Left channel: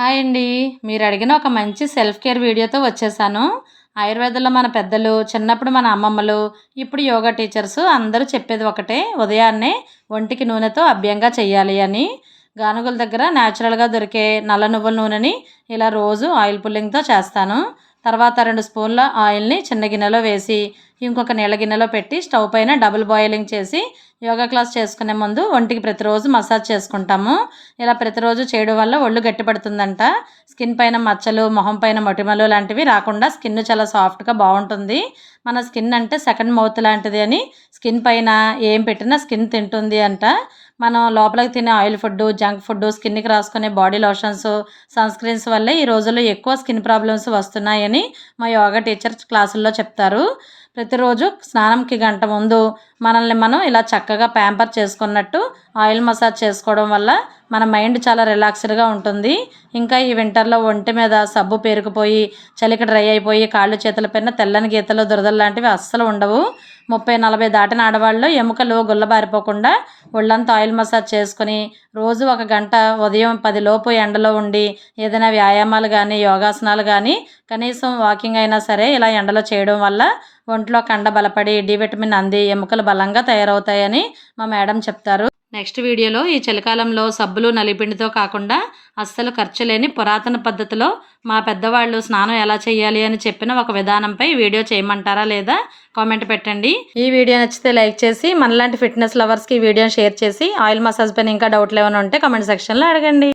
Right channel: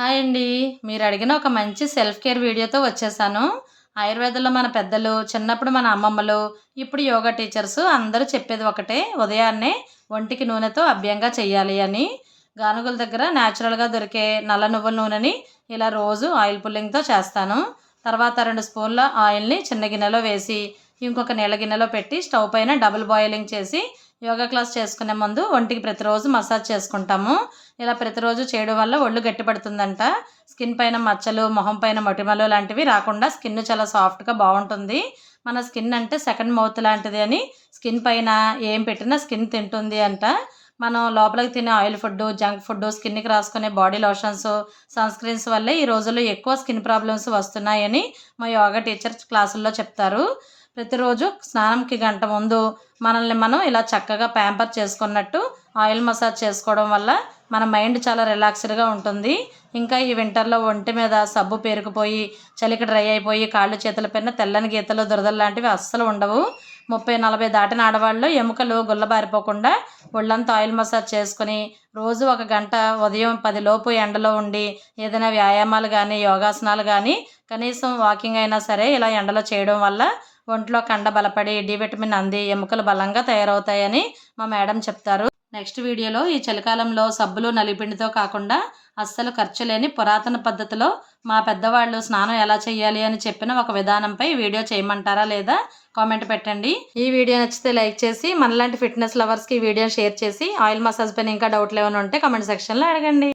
Hi అండి. మీరు అడిగిన ఒక మంచి సెల్ఫ్ కేర్ వీడియోతో వచ్చేసాను. ఆయుర్వేదంలో మన పెద్దలు, చిన్నప్పుడు మన అమ్మమ్మలు, ఇప్పుడు యోగా టీచర్స్ అందరూ చెప్పేది ఒకటే, ఉదయాన్నే ఒంటికి నూనెతో అభ్యంగా చేయాలి అని. గానుగల దగ్గర న్యాచురల్గా దొరికే నల్ల నువ్వుల నూనెని ఇలా రోజు ఆయిల్ పుల్లింగ్తో చేస్తాను. తర్వాత 2 స్పూన్ల ఆయిల్ని చిన్న గిన్నెలో వేసి, ఇంకొక నీళ్ళ గిన్నెలో పెట్టి స్టవ్ పైన డబుల్ బాయిలింగ్ చేసి యోగా క్లాస్ చేసుకునే ముందు ఒంటికి ప్రతిరోజు మసాజ్ చేసుకుంటాము. ఇలా ప్రతిరోజు చేయడం వల్ల ఒళ్ళు గట్టిపడుతుందంట. స్కిన్ పైన మచ్చలు, మొహం పైన మొటిమలు లాంటివి రాకుండా స్కిన్ చాలా సాఫ్ట్గా బాగుంటుంది. మన స్కిన్ అంటే సెకండ్ మౌత్ లాంటిది అని, స్కిన్ పైన ఏం పెట్టినా స్కిన్ తింటుంది అంట. మనం లోపలికి తినే ఆయిల్ ఫుడ్, జంక్ ఫుడ్, స్కిన్కి రాసుకునే బాడీ లోషన్స్, సన్ స్క్రీన్స్ వల్లే ఈ రోజుల్లో ఎక్కువ స్కిన్ ప్రాబ్లమ్స్ వస్తున్నాయని మా యోగా టీచర్ క్లాసుల్లో చెప్తారు. ప్రతిరోజు స్నానంకి గంట ముందు మనల్ని మనం ఇలా చక్కగా ప్యాంపర్ చేసుకున్నట్టు ఆయిల్ మసాజ్ చేసుకోవడం వల్ల మన మైండ్ చాలా రిలాక్స్డ్గా ఉంటుంది. ఇంకా ఈ వింటర్లో ఒంటి మీద సబ్బు పేరుకుపోయి, చలికి డ్రై అయిపోయి, కాళ్ళు చేతుల పైన తెల్లని గీతలు, దురదలు లాంటివి అస్సలు ఉండవు. 30-40 దాటిన ఆడవాళ్ళు ఎముకలు గుల్లబారిపోకుండా ఒళ్ళంతా ఆయిల్ మసాజ్ చేసుకుని రోజు 1 గంట ఉదయం 10 లోపు ఎండలో ఉండి ఏదైనా వ్యాయామాలు కానీ, యోగాసనాలు కానీ, కనీసం వాకింగ్ అయినా సరే ఇలా ఎండలో చేయడం వల్ల ఒంట్లో కండ బలపడి డి విటమిన్ అంది ఎముకలు బలంగా తయారవుతాయని మా మేడం చెప్తారు. నెక్స్ట్ వీడియోలో ఈ చలికాలంలో సబ్బులు నలిపిండితో కాకుండా అస్సలు ఖర్చు లేని పురాతన పద్ధతిలో మా పెద్దవాళ్ళు స్నానం ఎలా చేయాలి అని చెప్పిన ఒక విధానంపై వీడియో చేయమంటారా లేదా కామెంట్ పెట్టండి. ఈ వీడియో నచ్చితే లైక్ చేసి, మనలాంటి ఫిట్నెస్ లవర్స్కి ఈ వీడియోని షేర్ చేసి, ఆయిల్ మసాజ్ పైన ఇంకా డౌట్లు ఏమైనా ఉంటే కామెంట్ సెక్షన్లో అడగండి.